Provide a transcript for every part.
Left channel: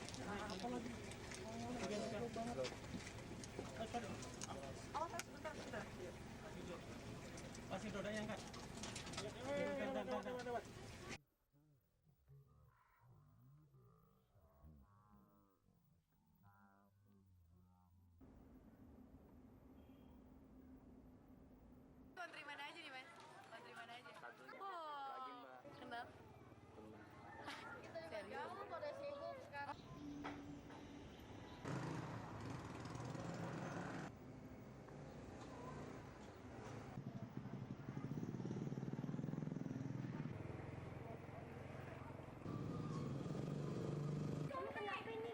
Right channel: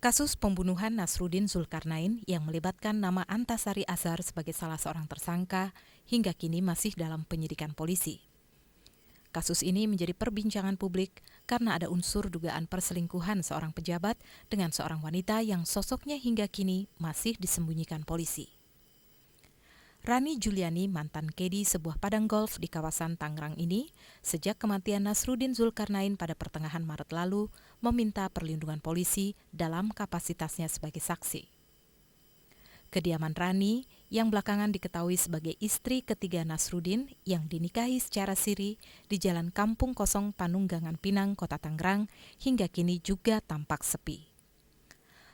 Kasus pembunuhan Nasruddin Zulkarnain yang melibatkan nama Antasari Azhar sebagai salah seorang tersangka hingga kini masih dalam penyidikan polisi. Kasus ini menjadi perbincangan publik karena ada unsur dugaan perselingkuhan seorang pejabat dengan seorang wanita yang sosoknya hingga kini masih disembunyikan polisi. Rani Juliani, mantan kedi sebuah padang golf di kawasan Tangerang ini, sejak kematian Nasruddin Zulkarnain pada pertengahan Maret lalu, meminta perlindungan polisi dalam kapasitasnya sebagai saksi. Kediaman Rani, yang belakangan diketahui sebagai istri ketiga Nasruddin yang dinikahi secara siri di Jalan Kampung Kosong Panunggangan Pinang, Kota Tangerang, hingga kini juga tampak sepi.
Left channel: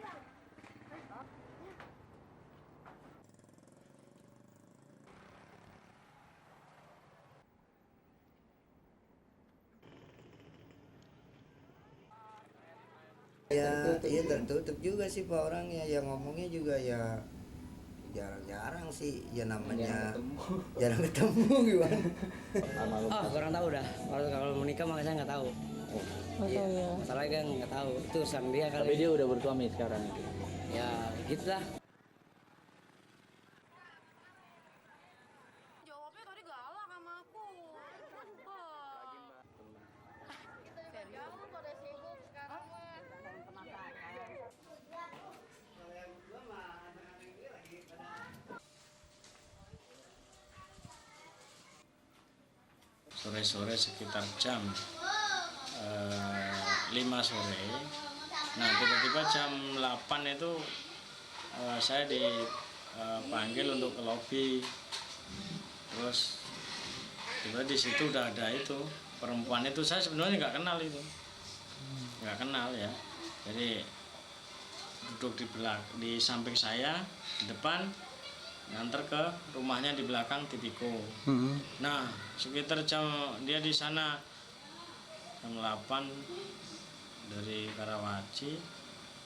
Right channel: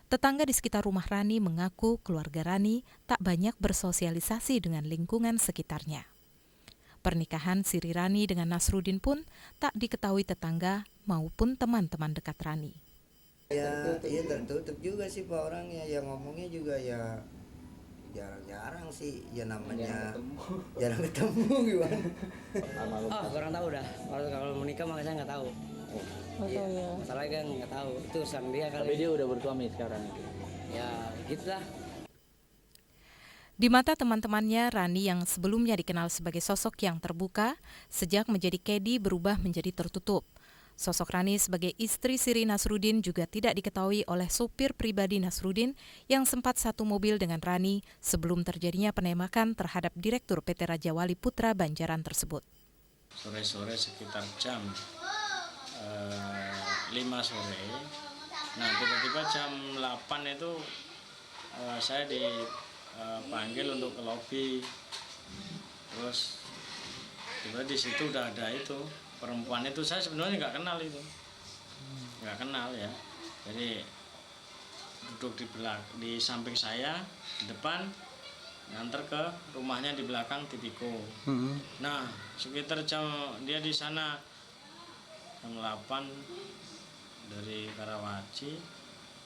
Tetangga di sekitar rumah Rani mengaku keluarga Rani tak banyak bersosialisasi dengan lingkungan sekitarnya. Pernikahan siri Rani dengan Nasruddin pun tak diketahui tetangga maupun teman-teman dekat Rani. Ya tertutup juga sih Pak orangnya, yang ngomongnya juga ya jarang-jarang sih, ya namanya jarang ketemu gimana. Kurang tahu dah. Kalau menikah makanya saya nggak tahu. Iya, masalahnya kan nggak tahu. Itu urusan dia kali. Tapi dia udah bersuami sekarang. Ya, gitulah. Di mata teman-temannya, Rani yang sebelumnya dikenal sebagai sosok yang terbuka, sejak menjadi kedi berubah menjadi tertutup. Sosok Rani sebagai istri siri Nasruddin juga tidak diketahui oleh supir pribadi Nasruddin yang sempat satu mobil dengan Rani sebelum terjadinya penembakan terhadap Direktur PT Raja Wali Putra Banjaran tersebut. Sore-sore sekitar jam 5 sore, nah tiba-tiba jam 8 itu saya dipanggil untuk ke lobi, terus tiba di situ udah ada itu perempuan itu, saya sebenarnya nggak kenal itu, nggak kenal ya, jadi duduk di samping saya di depan, nganter ke rumahnya di belakang Tipiko. Nah sekitar dia di sana jam 8 dari Karawaci,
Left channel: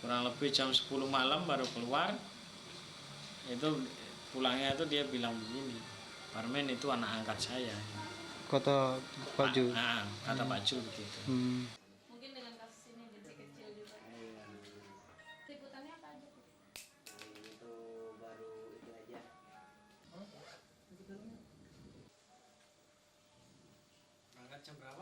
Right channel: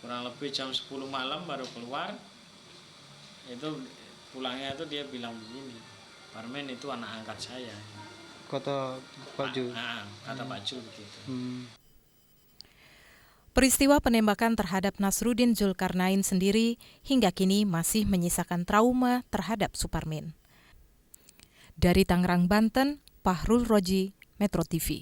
kurang lebih jam 10 malam baru keluar. Itu pulangnya itu dia bilang begini, Parmen itu anak angkat saya. Kata Pak Ju. Kata Pak Ju begitu. Peristiwa penembakan terhadap Nasruddin Zulkarnain sendiri hingga kini masih menyisakan trauma terhadap Suparmin. Dari Tangerang, Banten, Fahrul Roji, Metro TV.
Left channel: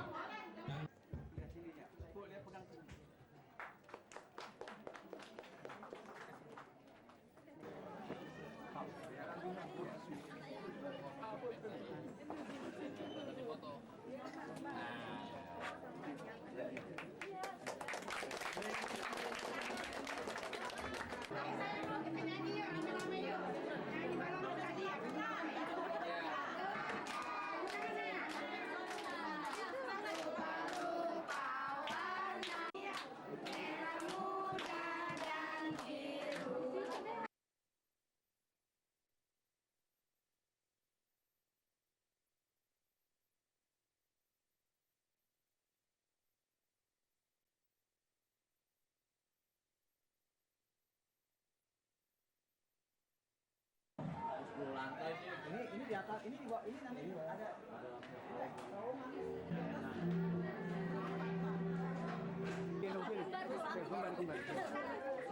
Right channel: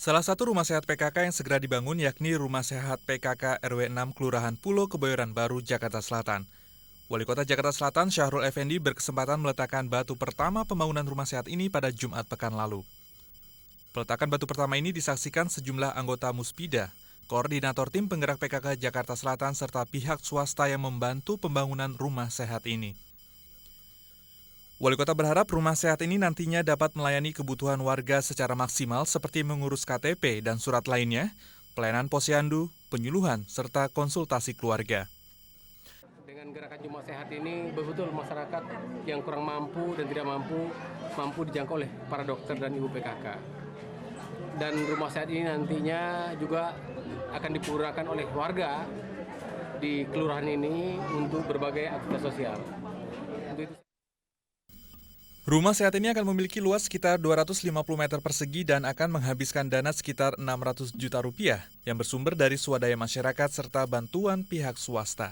Salah satu rumah sehat PKK yang segera dibangun yakni Rumah Sehat PKK RW 6 Kelurahan Pulo Kebayoran Baru, Jakarta Selatan. Wali Kota Jakarta Selatan Syahrul Effendi berkesempatan meletakkan batu pertama pembangunan rumah sehat ini pada Jumat pekan lalu. Peletakan batu pertama ini disaksikan sejumlah anggota Muspida, koordinator tim penggerak PKK Jakarta Selatan serta pihak swasta yang membantu pembangunan rumah sehat ini. Wali Kota berharap rumah sehat ini nantinya dapat melayani kebutuhan warga secara maksimal seperti mengurus KTP dan surat lainnya, pelayanan posyandu, penyuluhan, serta konsultasi keluarga. Dengan gerakan rumah sehat ini betul masyarakat yang kurang mampu dan tidak mampu dijangkau oleh para dokter dan ibu PKK. Dan rumah sehat ini nantinya juga akan digunakan oleh warga di kelurahan ini untuk berbagai aktivitas sosial. Untuk itu Rumah sehat ini akan memiliki luas sekitar 250 meter persegi dan akan menghabiskan dana sekitar 600 juta rupiah yang bersumber dari swadaya masyarakat serta bantuan pihak swasta.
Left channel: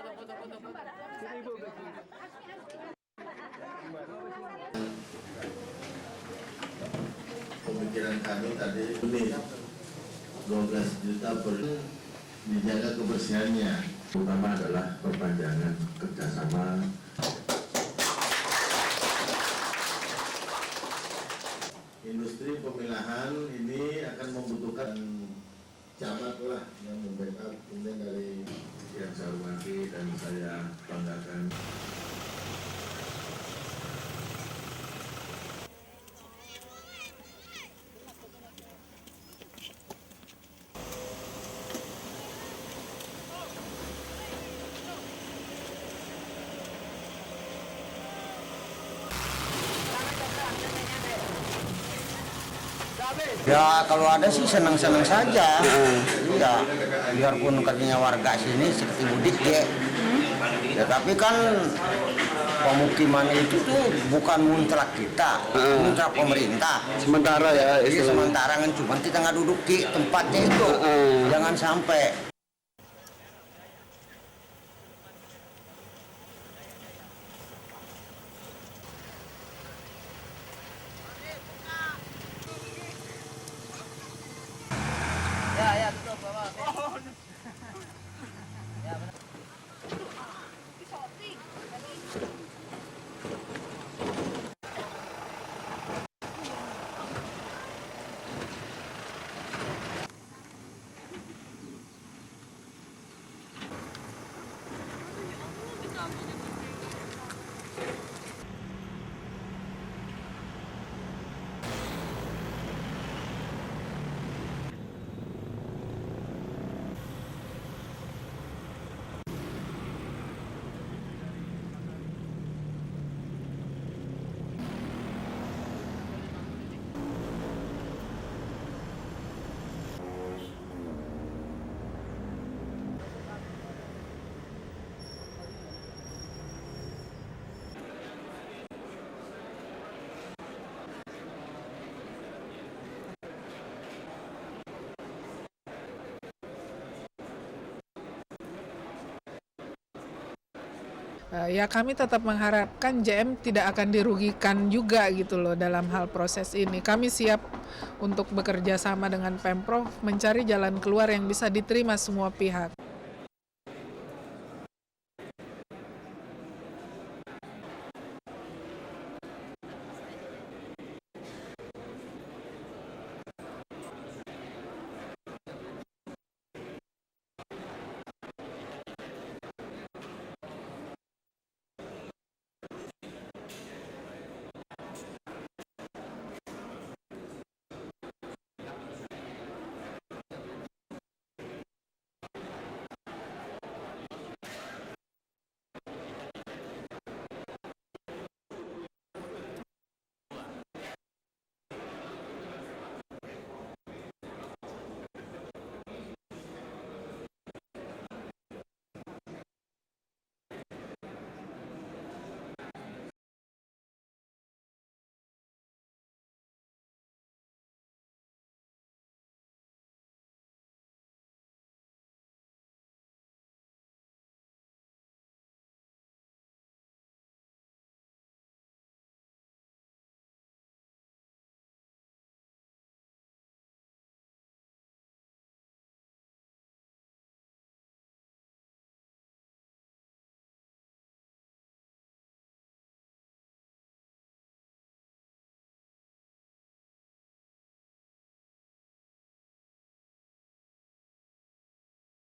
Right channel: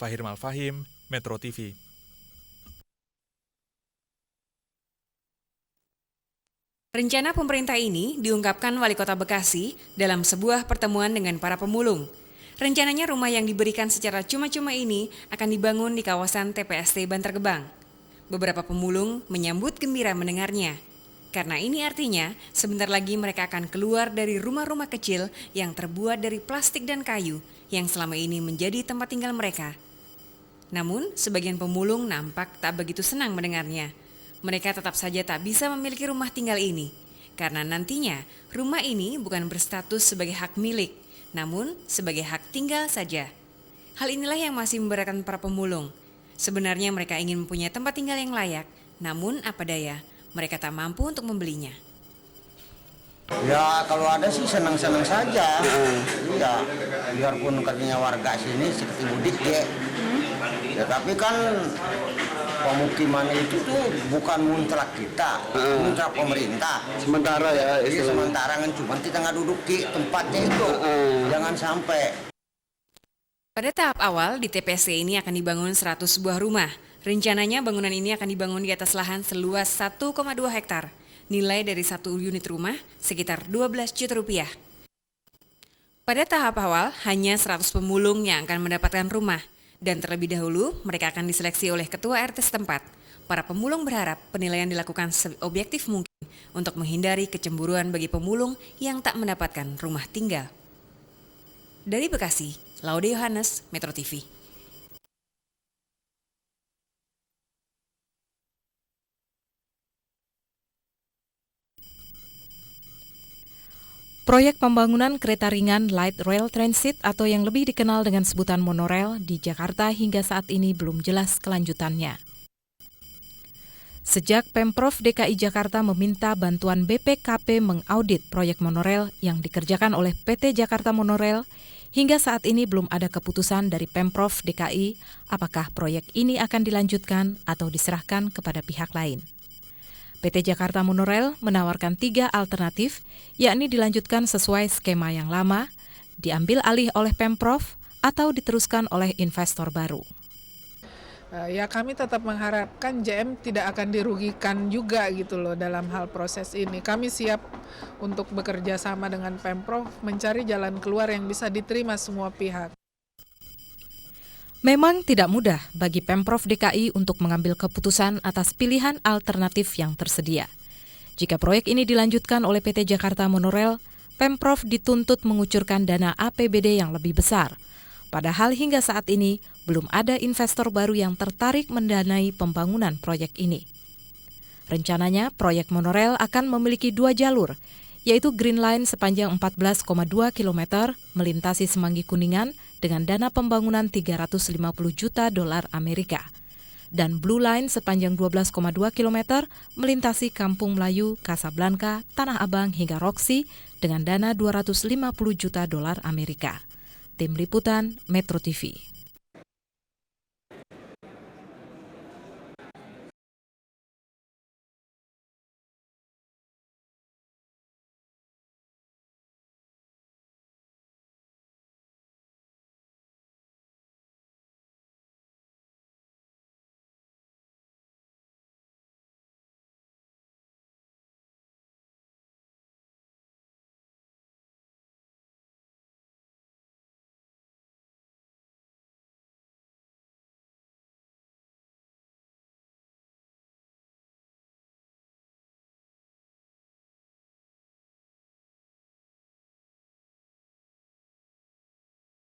Fahir Malfahim, Metro TV. Rencana pemerintah ini diungkapkan Wali Kota Bekasi dalam sebuah pertemuan dengan para pemulung. Rencananya rumah yang diberikan secara cuma-cuma ini akan dibangun di kawasan TPST Bantar Gebang. Beberapa pemulung menyambut gembira mendengarnya. Karena ini artinya sebentar lagi mereka akan keluar dari rumah-rumah kecil yang terbuat dari plastik dan kayu yang selama ini menjadi tempat tinggal mereka. Namun, sebagian pemulung nampak tak begitu senang mendengarnya. Mereka tetap saja tak bisa memiliki rumah tinggal ini. Karena nantinya rumah ini bukan berstatus sebagai hak milik, namun sebagai hak tinggal saja. Hal inilah yang masih memberatkan para pemulung. Sebenarnya mereka ingin mempunyai tempat tinggal yang layak, namun apa daya, mereka tak mampu untuk membelinya. Ya kalau ada sih senang-senang saja. Iya, biarpun katanya warga sini seperti mudik ya. Ya tapi kan pemukiman itu tuh bukan mutlak kita, mutlak pemerintah. Sementara ya. Jadi sementara kan cuma kita nggak duduk di tempatnya itu. Jangan sampai. Pada tahap awal, di TPST ini akan dibangun 100 buah rumah. Rencananya bangunan ini akan dibangun di atas lahan seluas 1,2 hektar. Nilai dari satu unit rumah sekitar 12 juta rupiah. Pada tahap awal, hanya 100 pemulung yang akan mendapatkan rumah. Dan terlebih dahulu, mereka akan diseleksi oleh ketua RT setempat. Para pemulung berharap penilaian dilakukan seobjektif mungkin untuk menghindari kecemburuan bagi pemulung yang tak mendapatkan rumah tinggal. Dari Bekasi, Laude Yohanes, Metro TV. Proyek pembangunan kereta ringan Light Rail Transit atau yang lebih dikenal dengan sebutan monorail di Jakarta hingga saat ini belum jelas kelanjutannya. Sejak Pemprov DKI Jakarta meminta bantuan BPKP mengaudit proyek monorail yang dikerjakan oleh PT Jakarta Monorail, hingga saat ini belum ada keputusan dari Pemprov DKI apakah proyek ini akan dilanjutkan atau diserahkan kepada pihak lain. PT Jakarta Monorail menawarkan 3 alternatif, yakni dilanjutkan sesuai skema yang lama, diambil alih oleh Pemprov, atau diteruskan oleh investor baru. Ya kami tetap mengharapkan JM tidak akan dirugikan juga gitu loh dalam hal proses ini. Kami siap untuk bekerja sama dengan Pemprov mencari jalan keluar yang bisa diterima semua pihak. Memang tidak mudah bagi Pemprov DKI untuk mengambil keputusan atas pilihan alternatif yang tersedia. Jika proyek ini dilanjutkan oleh PT Jakarta Monorail, Pemprov dituntut mengucurkan dana APBD yang lebih besar. Padahal hingga saat ini belum ada investor baru yang tertarik mendanai pembangunan proyek ini. Rencananya proyek monorail akan memiliki 2 jalur, yaitu Green Line sepanjang 14,2 km melintasi Semanggi Kuningan dengan dana pembangunan 350 juta dolar Amerika. Dan Blue Line sepanjang 12,2 km melintasi Kampung Melayu, Casablanca, Tanah Abang hingga Roxy dengan dana 250 juta dolar Amerika. Tim Liputan Metro TV.